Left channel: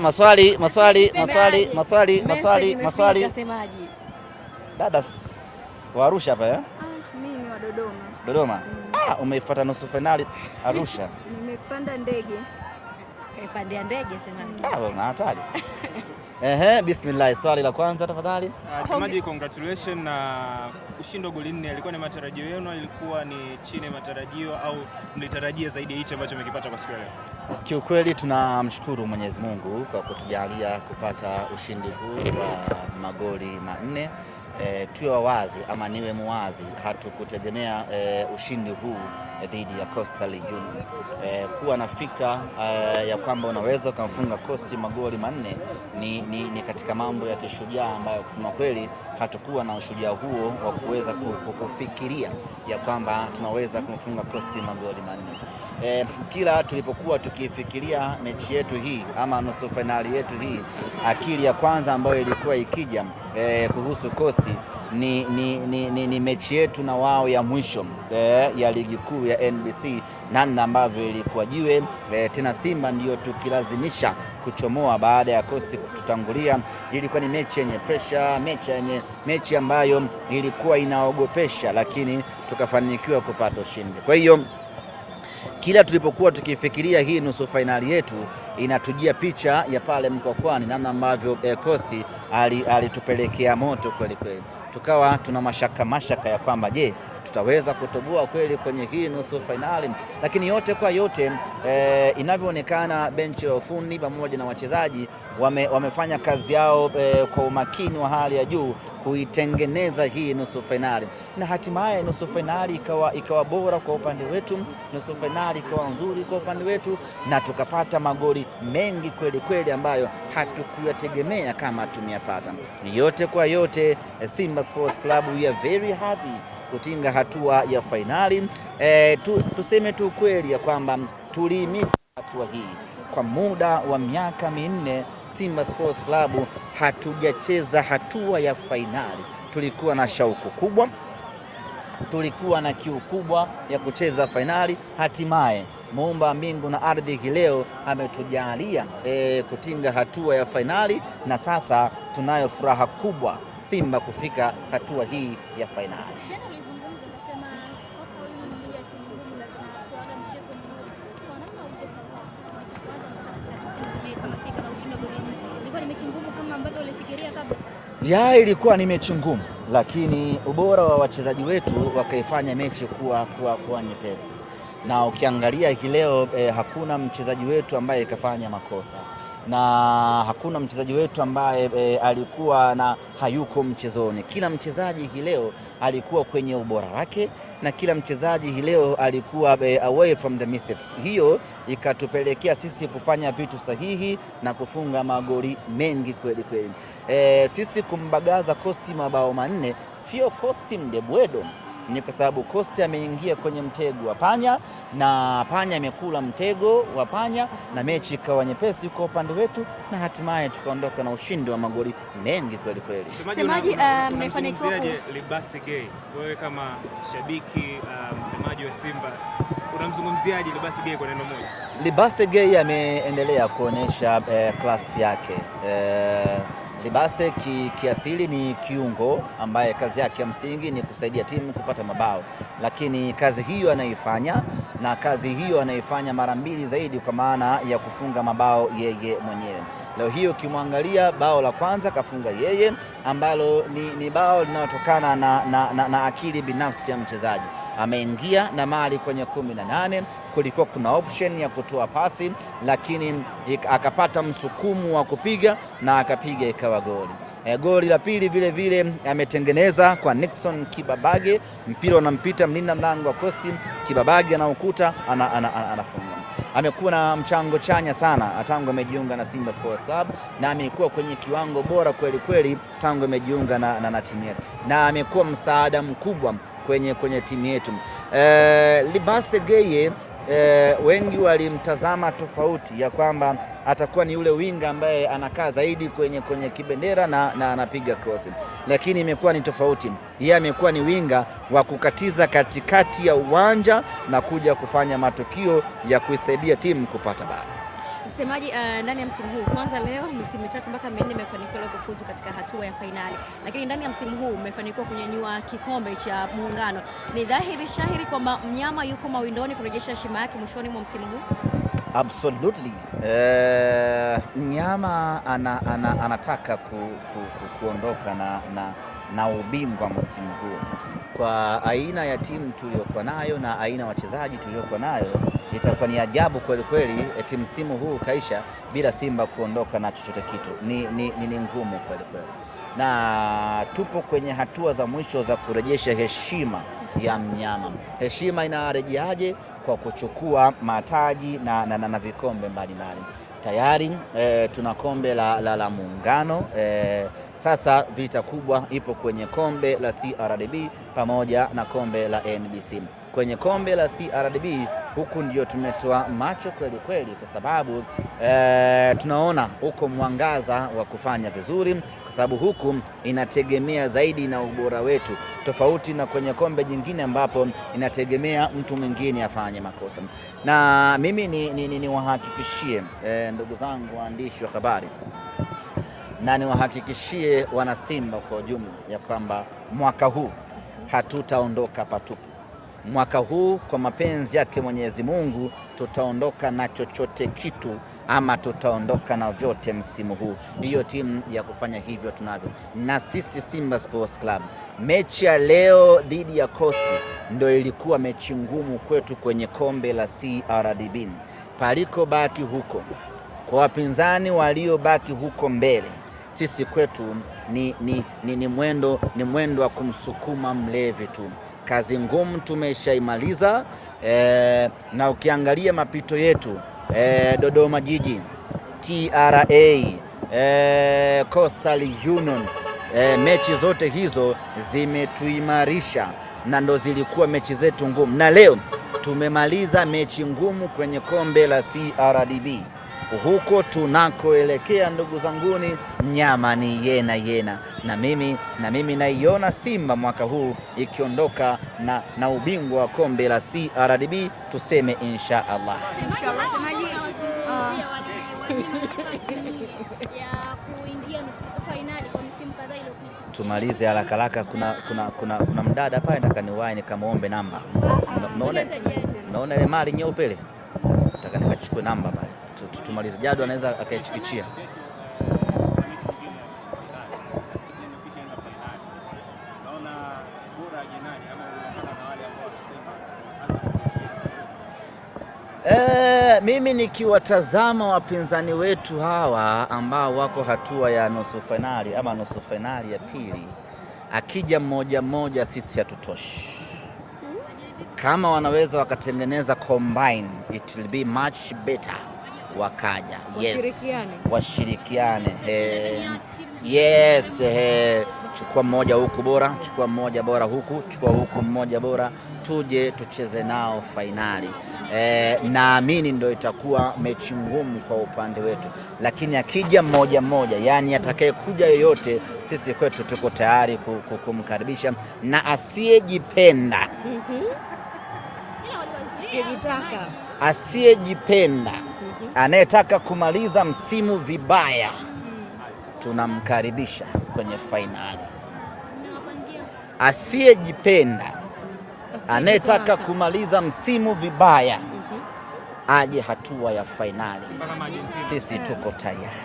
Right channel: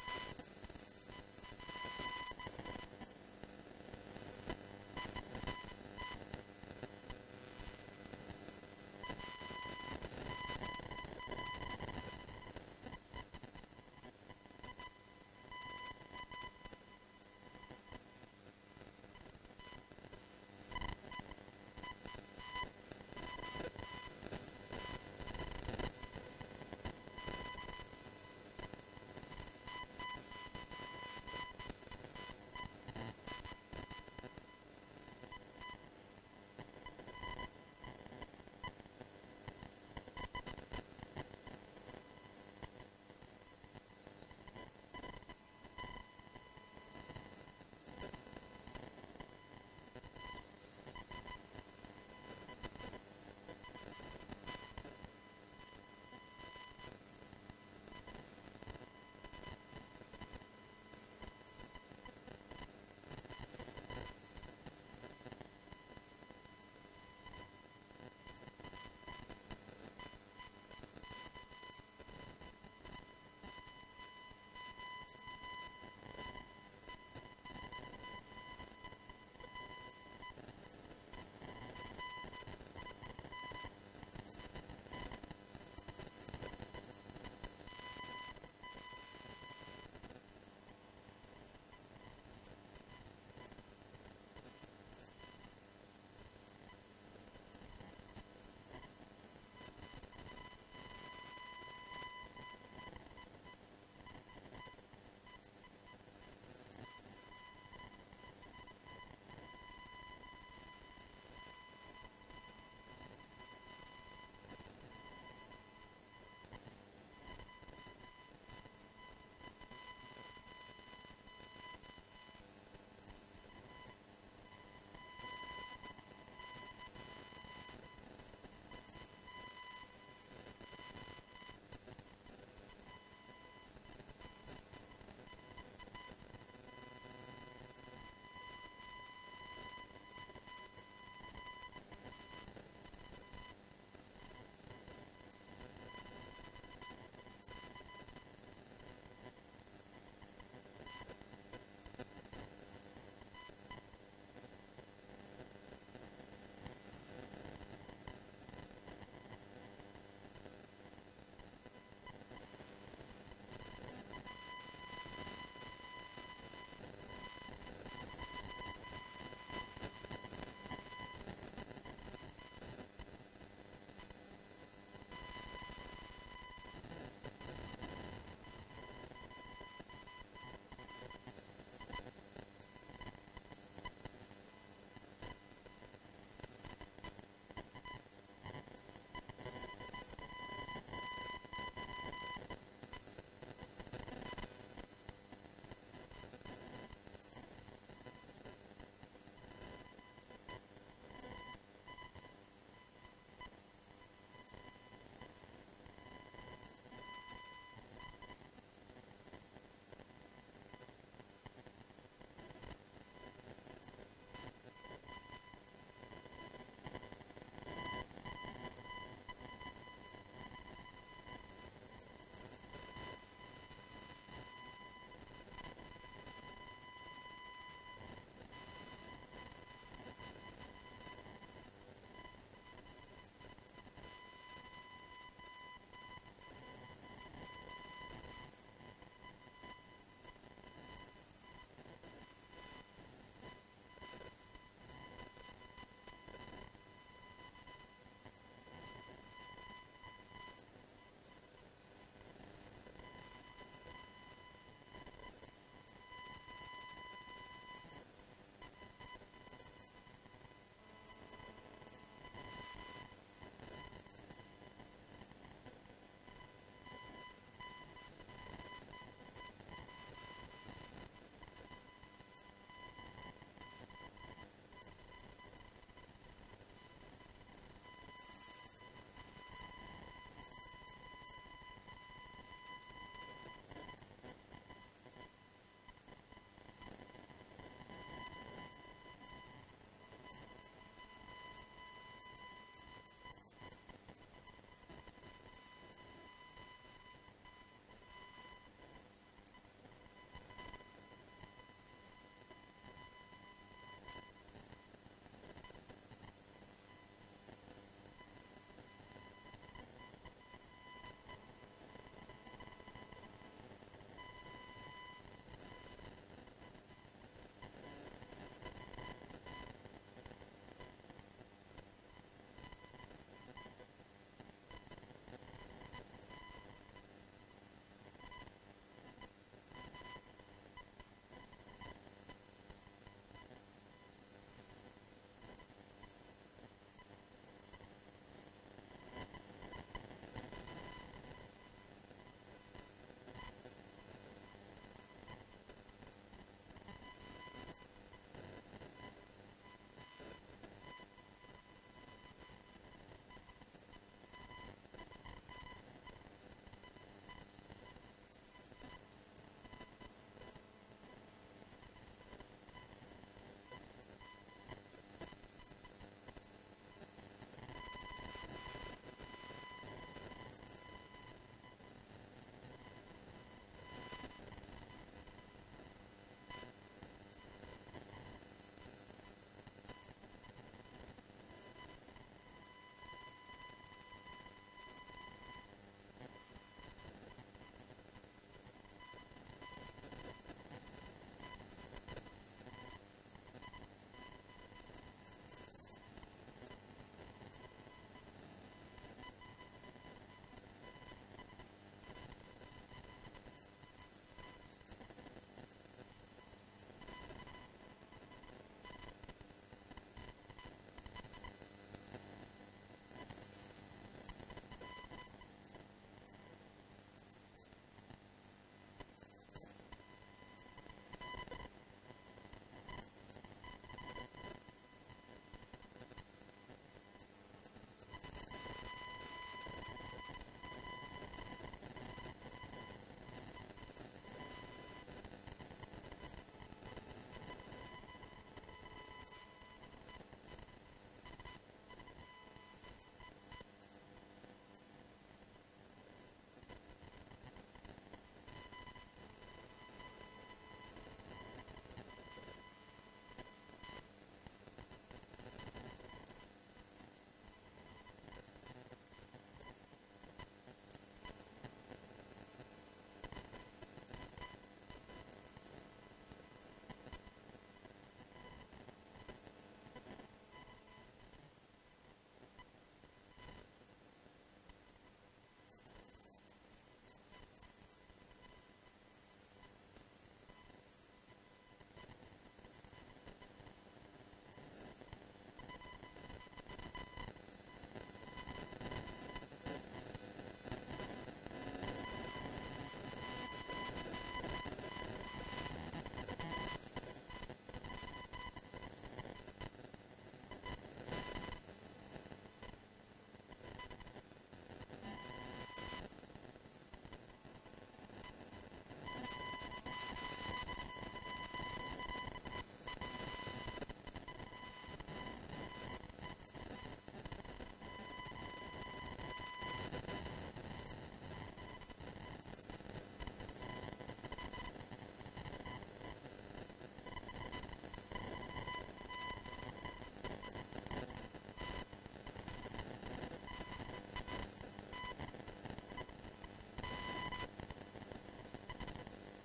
Maswali. Dada wa Arusha hapa Mimi ni wa Dodoma. Dodoma. Umeifuata nusu finali Arusha. Nimepanda ndege. Kaipanda ndege sema. Una hatari. Bismillah, swali la kwanza tafadhali. Semaji, congratulations na kushinda goli 4. Ilikuwa ni matarajio yenu, ilikuwa ni chini ya matarajio au mlitarajia zaidi hicho ambacho mmekipata kwa siku ya leo? Kiukweli tunamshukuru Mwenyezi Mungu kwa kutujalia kupata ushindi huu wa magoli 4. Tuwe wazi ama niwe muwazi, hatukutegemea ushindi huu dhidi ya Coastal Union. Kuwa na fikra ya kwamba unaweza kumfunga Coast magoli 4 ni katika mambo ya kishujaa ambayo kusema kweli hatakuwa na ushujaa huo wa kuweza kufikiria ya kwamba tunaweza kumfunga Coast magoli 4. Kila tulipokuwa tukifikiria mechi yetu hii ama nusu finali yetu hii, akili ya kwanza ambayo ilikuwa ikija kuhusu Coast ni mechi yetu na wao ya mwisho ya ligi kuu ya NBC, namna ambavyo ilikuwa jiwe tena Simba ndio tukilazimisha kuchomoa baada ya Coast kututangulia. Ilikuwa ni mechi yenye pressure, mechi ambayo ilikuwa inaogopesha, lakini tukafanikiwa kupata ushindi. Kwa hiyo kila tulipokuwa tukifikiria hii nusu finali yetu, inatujia picha ya pale Mkwakwani, namna ambavyo Coast alitupelekea moto kweli kweli. Tukawa tuna mashaka ya kwamba je, tutaweza kutoboa kweli kwenye hii nusu finali. Lakini yote kwa yote inavyoonekana benchi la ufundi pamoja na wachezaji wamefanya kazi yao kwa umakini wa hali ya juu kuitengeneza hii nusu finali, na hatimaye nusu finali ikawa bora kwa upande wetu, nusu finali ikawa nzuri kwa upande wetu, na tukapata magoli mengi kweli kweli ambayo hatukuyategemea kama tumeyapata. Ni yote kwa yote, Simba Sports Club, we are very happy kutinga hatua ya finali. Tuseme tu kweli ya kwamba tulimisi hatua hii kwa muda wa miaka 4. Simba Sports Club hatujacheza hatua ya finali. Tulikuwa na shauku kubwa, tulikuwa na kiu kubwa ya kucheza finali. Hatimaye Muumba mbingu na ardhi hii leo ametujalia kutinga hatua ya finali, na sasa tunayo furaha kubwa Simba kufika hatua hii ya finali. Ilikuwa ni mechi ngumu, lakini ubora wa wachezaji wetu wakaifanya mechi kuwa nyepesi. Na ukiangalia hii leo hakuna mchezaji wetu ambaye kafanya makosa, na hakuna mchezaji wetu ambaye alikuwa na hayuko mchezoni. Kila mchezaji hii leo alikuwa kwenye ubora wake, na kila mchezaji hii leo alikuwa away from the mistakes. Hiyo ikatupelekea sisi kufanya vitu sahihi na kufunga magoli mengi kweli kweli. Sisi kumbagaza Coast mabao 4 sio Coast mdebwedo, ni kwa sababu Coast ameingia kwenye mtego wa panya, na panya amekula mtego wa panya, na mechi ikawa nyepesi kwa upande wetu, na hatimaye tukaondoka na ushindi wa magoli mengi kweli kweli. Semaji, mmefanikiwaje Libase Gay? Wewe kama shabiki msemaji wa Simba, unamzungumziaje Libase Gay kwa neno moja? Libase Gay ameendelea kuonesha klasi yake. Libase kiasili ni kiungo ambaye kazi yake ya msingi ni kusaidia timu kupata mabao, lakini kazi hiyo anaifanya, na kazi hiyo anaifanya mara 2 zaidi, kwa maana ya kufunga mabao yeye mwenyewe. Leo hiyo ukimwangalia bao la kwanza kafunga yeye, ambalo ni bao linalotokana na akili binafsi ya mchezaji. Ameingia na mali kwenye 18, kulikuwa kuna option ya kutoa pasi, lakini akapata msukumu wa kupiga na akapiga ikawa goli. Goli la pili vile vile ametengeneza kwa Nixon Kibabage, mpira unampita mlinda mlango wa Coast, Kibabage anaokuta anafunga. Amekuwa na mchango chanya sana tangu amejiunga na Simba Sports Club, na amekuwa kwenye kiwango bora kweli kweli tangu amejiunga na timu yetu, na amekuwa msaada mkubwa kwenye timu yetu. Libase Gay wengi walimtazama tofauti ya kwamba atakuwa ni yule winga ambaye anakaa zaidi kwenye kibendera na anapiga cross, lakini imekuwa ni tofauti. Yeye amekuwa ni winga wa kukatiza katikati ya uwanja na kuja kufanya matukio ya kuisaidia timu kupata bao. Msemaji, ndani ya msimu huu, kwanza leo misimu mitatu mpaka minne mmefanikiwa kufuzu katika hatua ya fainali, lakini ndani ya msimu huu mmefanikiwa kunyanyua kikombe cha Muungano. Ni dhahiri shahiri kwamba mnyama yuko mawindoni kurejesha heshima yake mwishoni mwa msimu huu. Absolutely. Mnyama anataka kuondoka na ubingwa msimu huu. Kwa aina ya timu tuliyokuwa nayo na aina ya wachezaji tuliyokuwa nayo, itakuwa ni ajabu kweli kweli eti msimu huu kaisha bila Simba kuondoka na chochote kitu. Ni ngumu kweli kweli, na tupo kwenye hatua za mwisho za kurejesha heshima ya mnyama. Heshima inarejeaje? Kwa kuchukua mataji na vikombe mbalimbali. Tayari tuna kombe la Muungano. Sasa vita kubwa ipo kwenye kombe la CRDB pamoja na kombe la NBC. Kwenye kombe la CRDB huku ndio tumetoa macho kweli kweli, kwa sababu tunaona huko mwangaza wa kufanya vizuri, kwa sababu huku inategemea zaidi na ubora wetu, tofauti na kwenye kombe jingine ambapo inategemea mtu mwingine afanye makosa. Na mimi niwahakikishie ndugu zangu waandishi wa habari na niwahakikishie wana Simba kwa ujumla ya kwamba mwaka huu hatutaondoka patupu. Mwaka huu kwa mapenzi yake Mwenyezi Mungu tutaondoka na chochote kitu, ama tutaondoka na vyote msimu huu. Hiyo timu ya kufanya hivyo tunavyo, na sisi Simba Sports Club. Mechi ya leo dhidi ya Coast ndio ilikuwa mechi ngumu kwetu kwenye kombe la CRDB. Paliko baki huko kwa wapinzani waliobaki huko mbele, sisi kwetu ni mwendo wa kumsukuma mlevi tu. Kazi ngumu tumeshaimaliza, na ukiangalia mapito yetu Dodoma Jiji, TRA, Coastal Union, mechi zote hizo zimetuimarisha na ndo zilikuwa mechi zetu ngumu, na leo tumemaliza mechi ngumu kwenye kombe la CRDB. Huko tunakoelekea ndugu zanguni, mnyama ni yena. Na mimi naiona Simba mwaka huu ikiondoka na ubingwa wa kombe la CRDB, tuseme insha Allah. Tumalize haraka haraka, kuna mdada pale nataka niwahi nikamwombe namba. Naona ile mali nyeupe ile, nataka nikachukue namba pale tumalize. Jadu anaweza akaichikichia. Mimi nikiwatazama wapinzani wetu hawa ambao wako hatua ya nusu finali ama nusu finali ya pili, akija mmoja sisi hatutoshi. Kama wanaweza wakatengeneza combine, it will be much better. Wakaja washirikiane. Yes, chukua mmoja huku bora, chukua mmoja bora huku, chukua huku mmoja bora, tuje tucheze nao fainali. Naamini ndio itakuwa mechi ngumu kwa upande wetu, lakini akija mmoja, yani atakayekuja yoyote, sisi kwetu tuko tayari kumkaribisha, na asiyejipenda asiyejipenda anayetaka kumaliza msimu vibaya tunamkaribisha kwenye fainali. Asiyejipenda anayetaka kumaliza msimu vibaya aje hatua ya fainali. Sisi tuko tayari.